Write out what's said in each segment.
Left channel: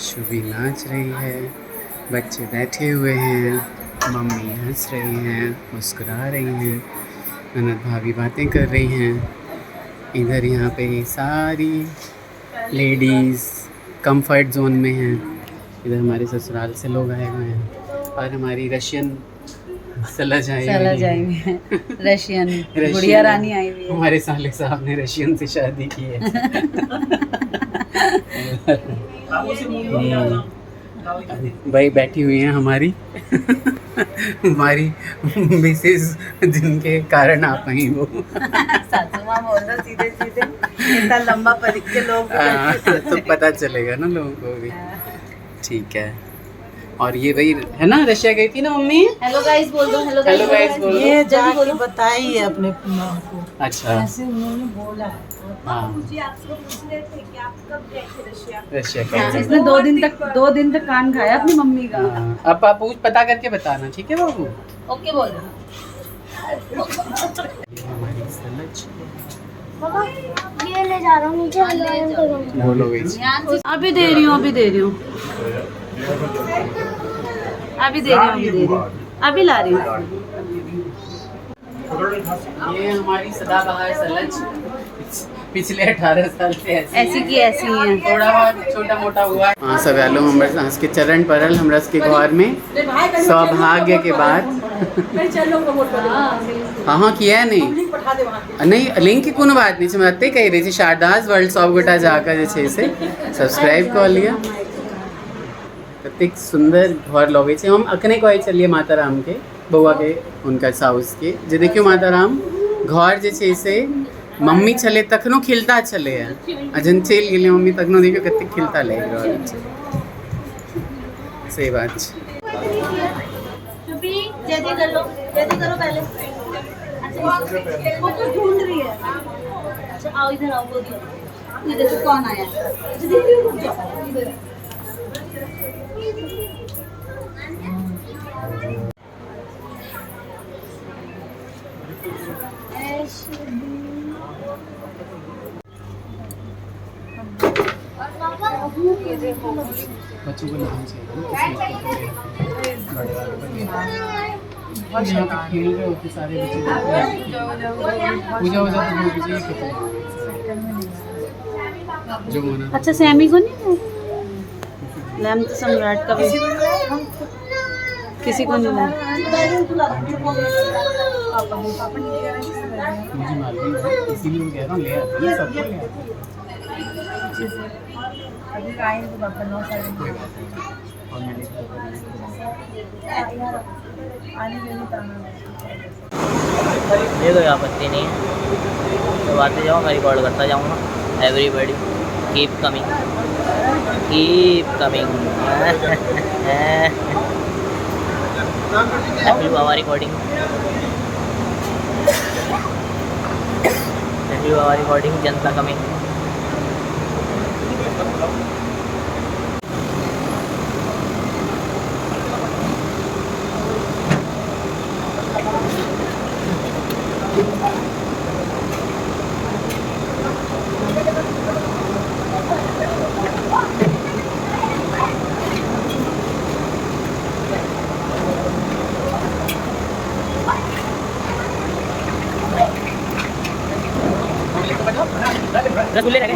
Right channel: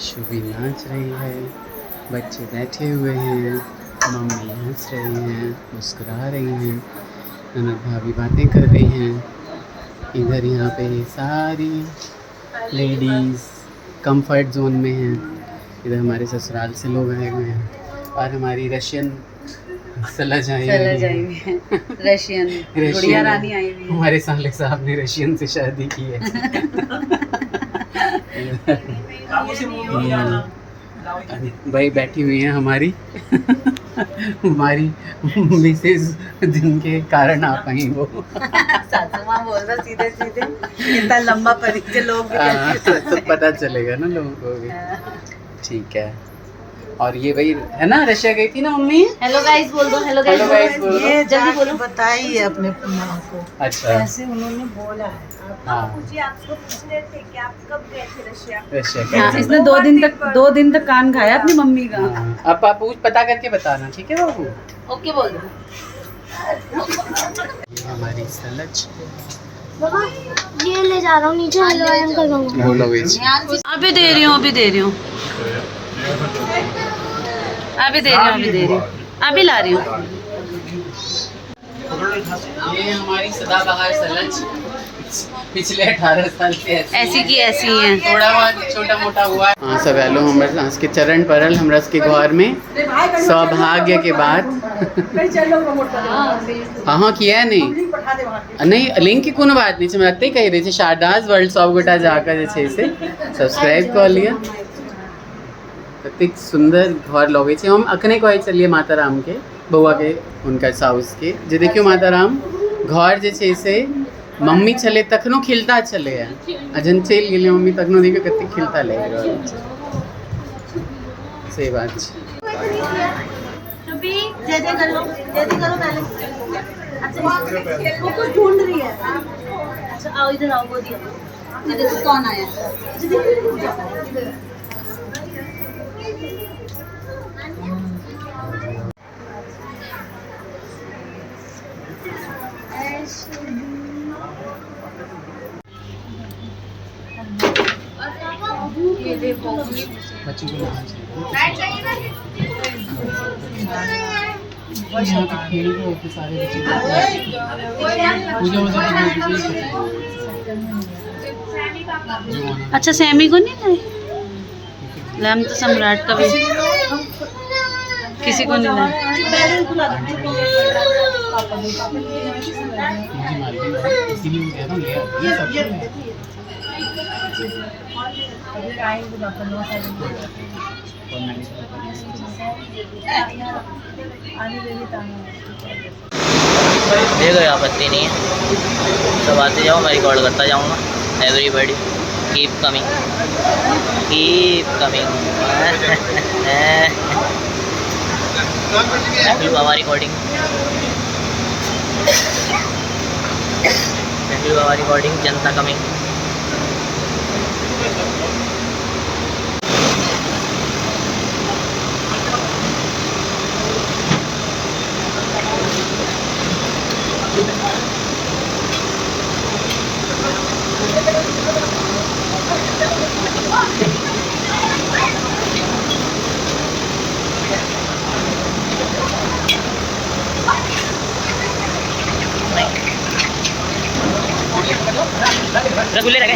शुभी नाच रही है, बच्चे बैठे हुए हैं, मम्मी हंस रही हैं, मुस्कुरा रही हैं, ननद भाभी बातें कर रही हैं। इधर यहाँ पे सारी लेडीज़ कंफर्ट जोन में हैं। इधर हमारे ससुराल से लोग आए हुए हैं और हमारी रशियन सलज आई हुई है। रशियन गुड़िया रानी आई हुई है। हमारे साले साहब ने रशियन से शादी की है। भाई बैठी हुई हैं हमारी हमारी मिसेज, जिनके कारण आप आई वो सासू माँ बोल रहा सीधे सीधे, इतना लंबा परिचय लोग तो पता चलेगा ना लोगों को भी। ठीक है। और ये भाई है ना, रशिया गई थी ना मम्मी। हेलो गाइस बोल दो, हेलो हेलो गाइस बोलो। ये जल्दी बोलो। बताई है अपने माँ को। अच्छा ऐसे उन्होंने बोला है। हाँ, आपको पूछ रहे थे कि आप कब गए थे रशिया? रशिया हाँ, का। इसने 2 दिन तक कान खाया अपनी मम्मी का। हाँ, अब आप पूछ पता करके बताना, ठीक है बाबू। ओके बोल दो। ये हमारी सलज। बाबा ये ले जा रहा हूँ नीचे, हलवाई करूँगा। बोलो बीच। अभी दे रही हूँ, अभी दे रही हूँ, अभी दे रही हूँ, अभी दे रही हूँ, अभी ला रही हूँ। ये हमारी सदाबहार सलज पिछले 18 साल से ऐसी की ऐसी है। थोड़ा बहुत छोटा मोटा हुआ। हाँ सब आलो हमरा के चरण परल हमरा के घर में सौभाग्य के बाद। हाँ किया नहीं नहीं लिंक की कोनो बात नहीं छै, हमरा एते कहि रही थी शारदास वर्ल्ड सब गोटा जाकर जे छै से सब्सक्राइब कर लिया। कतेक सुंदर घर लगे छै। हम अखने कहे चलिए माता राम के बउआ के उनका साउस के जे देखियो माता राम घर जे छै से मम्मी छले तखनो खिलता छले है, आ जन चलि गेलै मम्मी तखनो देखियो कतेक खिलता लागि रहल छै। सही बात छै। अभी जय जय कर लो, जय जय करो पहले। अच्छा वो कुछ ढूंढ रही है। अच्छा आओ इधर आओ, गोदी आओ। ये देखो कौन आया। अच्छा देखिए रुक जाओ इधर। ये देखो बच्ची को नहाना चाहिए। और यहाँ पे खेल रहे होते सारे बच्चे। पूजा वूजा करने की चीज़ जो माना। अच्छा सैमी को नहीं लाए? लैम तो सम्राट का भी किसी को नहीं लाए। मुझे मालूम है, इसीलिए मैं कह रहा हूँ ले आती है सबको ले आती है। अभी आएंगे पापा 9 साढ़े 9 और मैंने आने देने ताना। मेरे कोई आपत्ति नहीं है, सब आते जाओ, मैं रिकॉर्ड करता जाऊँगा। Everybody keep coming, keep coming. बाबा रिकॉर्डिंग, बाबा रिकॉर्डिंग, जनता कमिंग। रसगुल्ले रखे।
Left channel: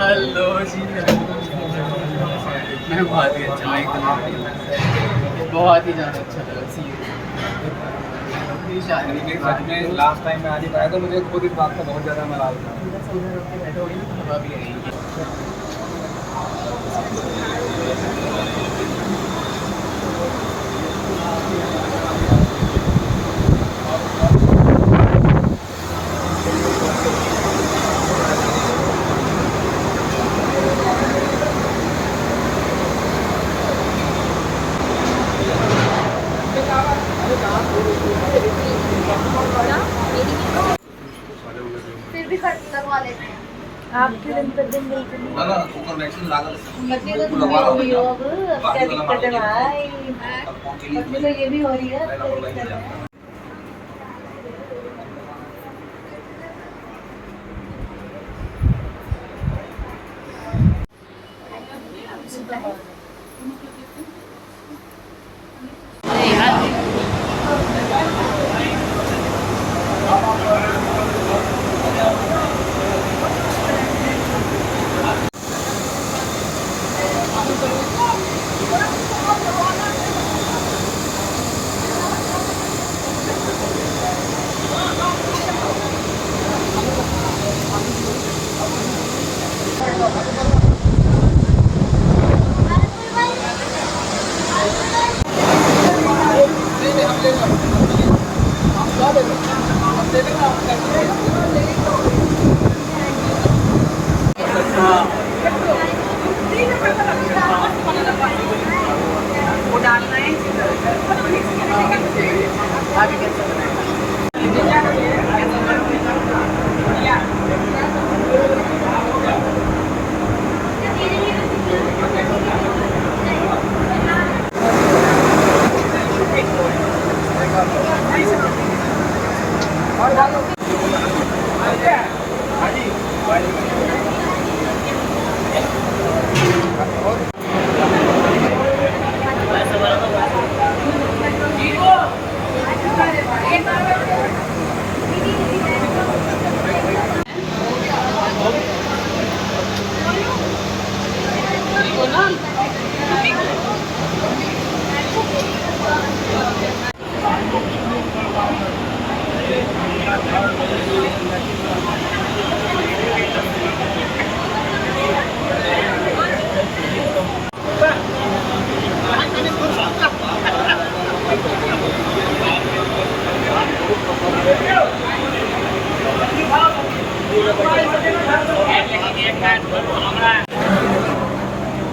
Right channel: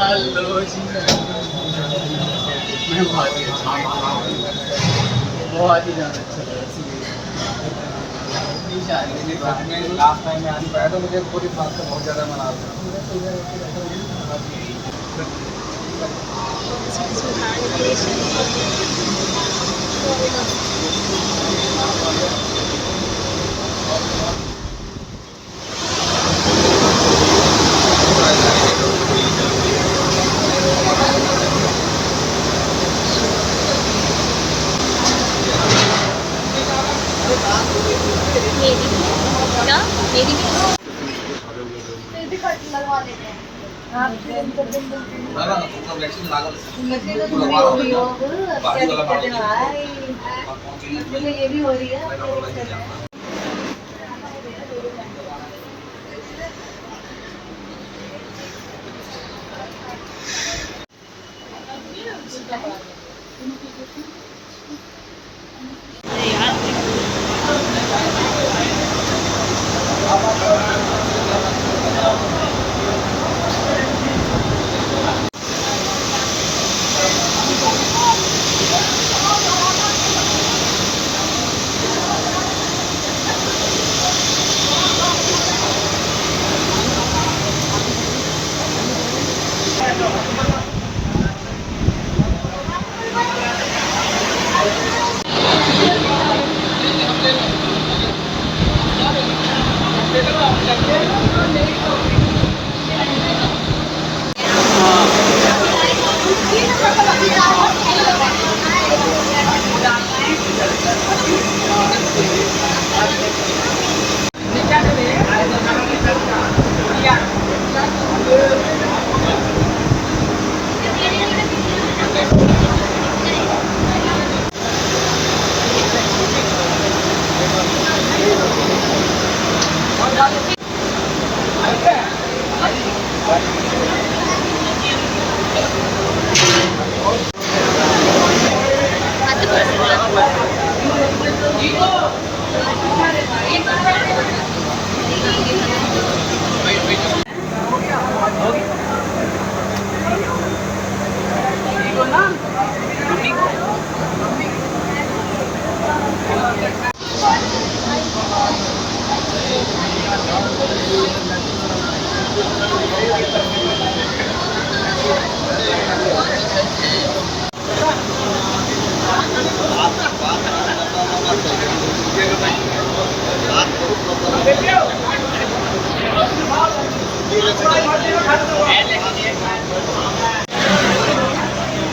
हेलो जी, मैं बहुत ही अच्छा, बहुत ही ज़्यादा अच्छा लगा। लास्ट टाइम मैं आ नहीं पाया तो मुझे खुद इस बात का बहुत ज़्यादा नाराज था। मेरी भी फिर भी कट लगवा लेते हैं आप फिर अंतर दिन मिलते हैं ना ऊपर वैक्सीन लागल मुझे तो लगवा रही हो अब क्या दिक्कत है भाई मुझे ये भी हो रही है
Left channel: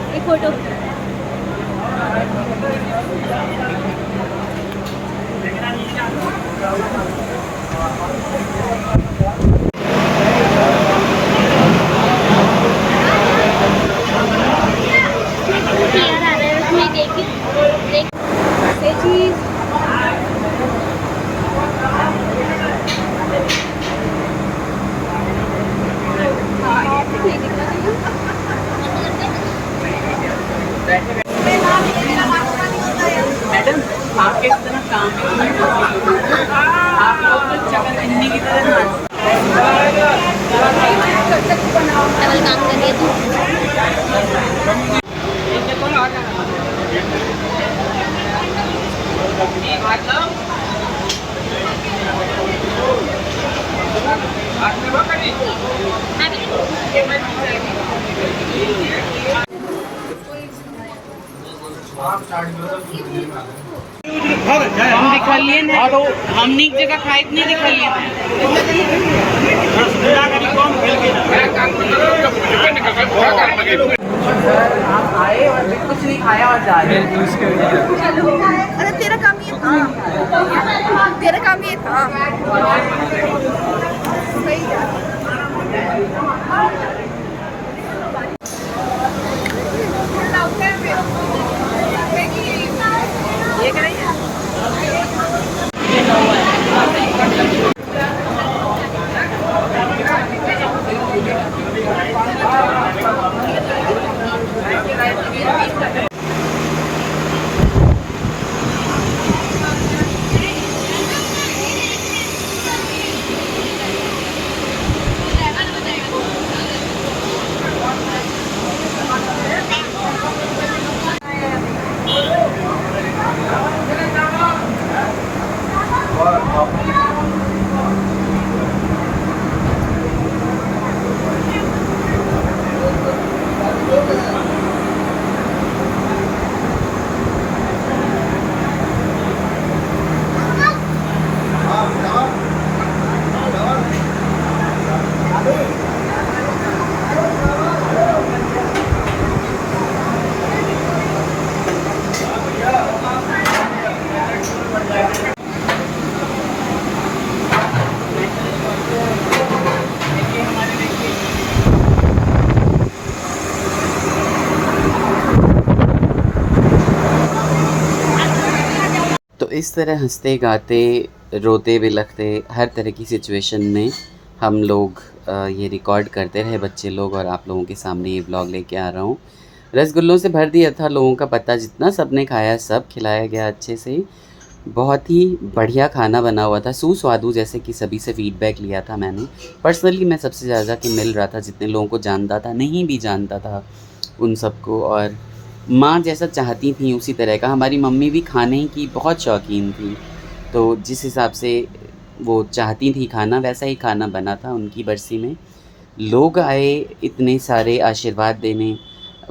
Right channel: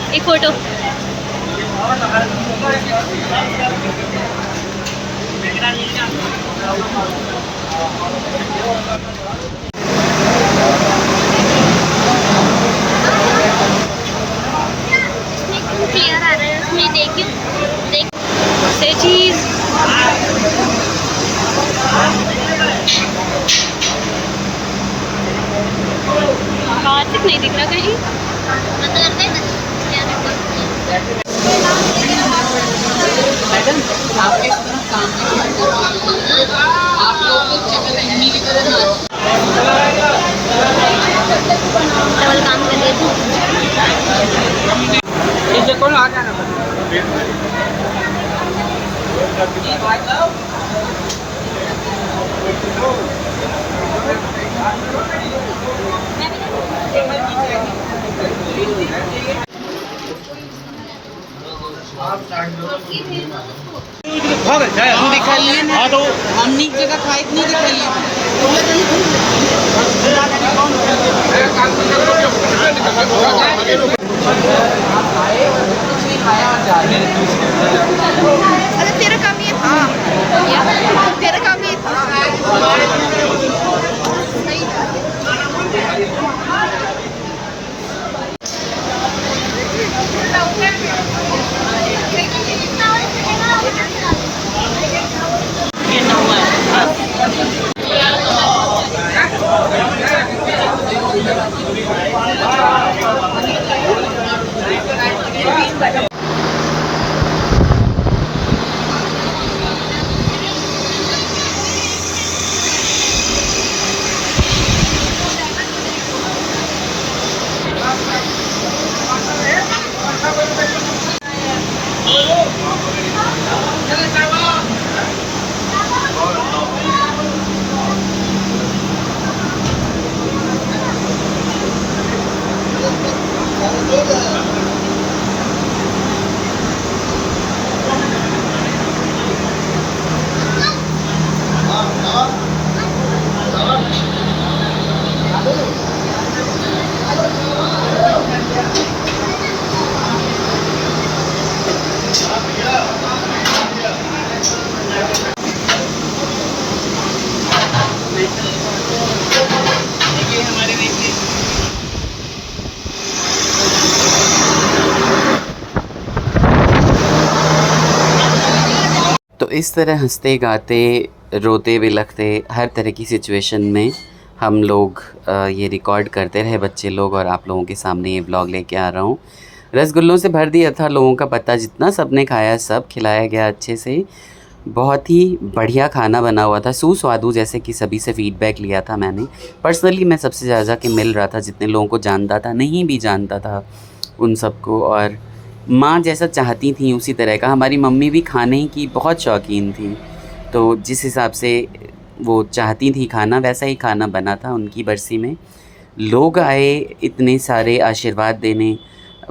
एक फोटो क्लियर आ रहा है उसमें देखिए देख से चीज कार्तिक नहीं दिख रहा कहीं मैडम आपके इतना काम आप लोग तो चकन हिंदी की तरह नाच हम दिखा लिए हमने एक जगह खाए नहीं दिखा लिए आप आए और कुछ नहीं खाया और जा रहे अरे तेरा काम ये था तेरा काम ये था सही था तो इस तरह हंसते गाते रोते बिलखते हर तरह की सिचुएशन में हम लोग ये रिकॉर्ड करते रहे बच्चे लोग, और आप लोगों के सामने ये ब्लॉग लेके आ रहा हूँ। रसगुल्लों से भर दिया था लोगों का पता, जितना सबने खाया सब खिलाया गया अच्छे से। बहुत ही बढ़िया खाना बना हुआ था, सुस्वादु, जैसे कि सभी से फीडबैक लिया था मैंने। पर्सनली मैं सबसे ज़्यादा कि मिल रहा था, जितने लोगों को जानता था, नहीं भी जानता था उन सबको। और माँ जैसा चाहती थी उसी तरह का, हमारी मम्मी भी खाने की बहुत शौकीन थी, तो जिस हिसाब से वो चाहती थी खाना, वैसा ही खाना बना था उनकी बरसी में। लोग आए इतने सारे आशीर्वाद देने,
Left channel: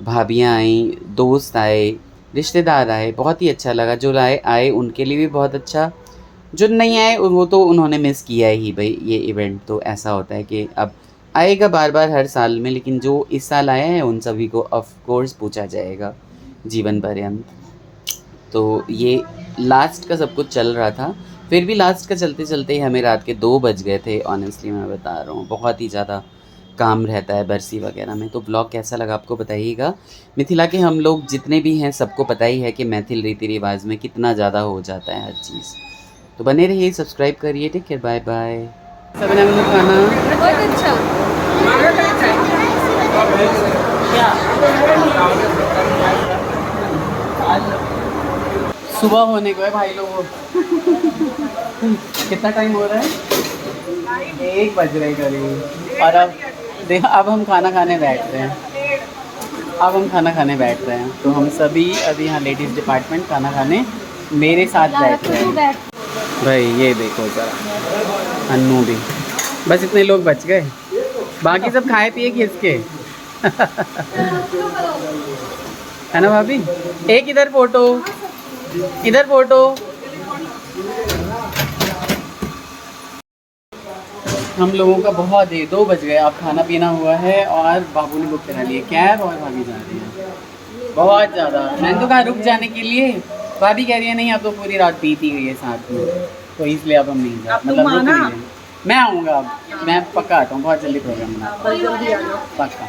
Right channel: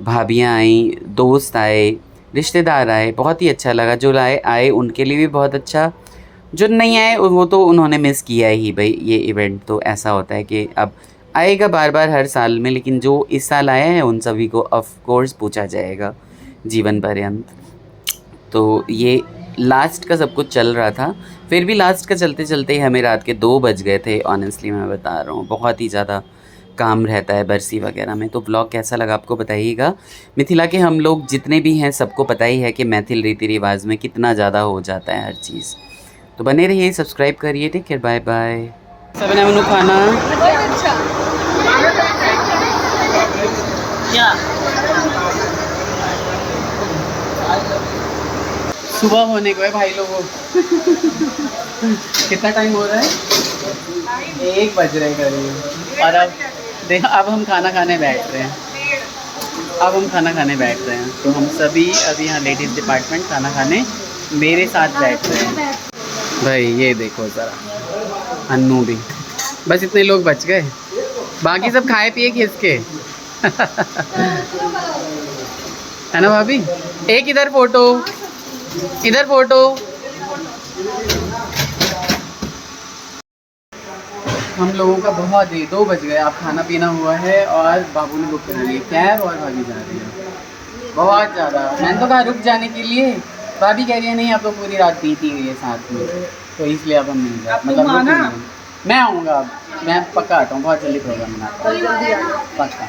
भाभियाँ आई, दोस्त आए, रिश्तेदार आए, बहुत ही अच्छा लगा। जो आए उनके लिए भी बहुत अच्छा, जो नहीं आए वो तो उन्होंने मिस किया ही भाई। ये इवेंट तो ऐसा होता है कि अब आएगा बार बार हर साल में, लेकिन जो इस साल आए हैं उन सभी को ऑफ कोर्स पूछा जाएगा जीवन पर्यंत। तो ये लास्ट का सब कुछ चल रहा था, फिर भी लास्ट का चलते चलते ही हमें रात के 2 बज गए थे। ऑनेस्टली मैं बता रहा हूँ, बहुत ही ज़्यादा काम रहता है बरसी वगैरह में। तो ब्लॉग कैसा लगा आपको बताइएगा। मिथिला के हम लोग जितने भी हैं सबको पता ही है कि मैथिल रीति रिवाज में कितना ज़्यादा हो जाता है हर चीज़। तो बने रहिए, सब्सक्राइब करिए, टेक केयर, बाय बाय। सबने मनु खाना बहुत अच्छा। सुबह होने को है भाई लोगों। कितना टाइम हो रहा है? 1 बज रहे करीब। और अब देखो, अब हम खाना खाने बैठ रहे हैं। तो हम सभी अभी यहाँ लेडीज़ डिपार्टमेंट खाना खाने मेरे साथ बैठ रहे हैं। भाई ये देखो ज़रा, अन्नू भी, बस इतने लोग बच गए, बाकी सब खाए पिए खिसके। है ना भाभी? एक इधर फोटो, इधर फोटो। हम लोगों का बहुत देर, 2 बज गए, अब खाना पीना हुआ है और बाबू ने बुक करा लिया कैब और भाभी जा रही है। बहुत ज़्यादा, मैंने तो कहा रुक जाने के लिए, भाभी कह रही है नहीं अब तो पूरी रात बीती हुई है साथ में, तो इसलिए अब हम नहीं जा, मतलब रुक रही हैं। मैं आऊँगा, अब मैं पक्का आता हूँ, बहुत जल्दी प्रोग्राम बनाता हूँ, पक्का।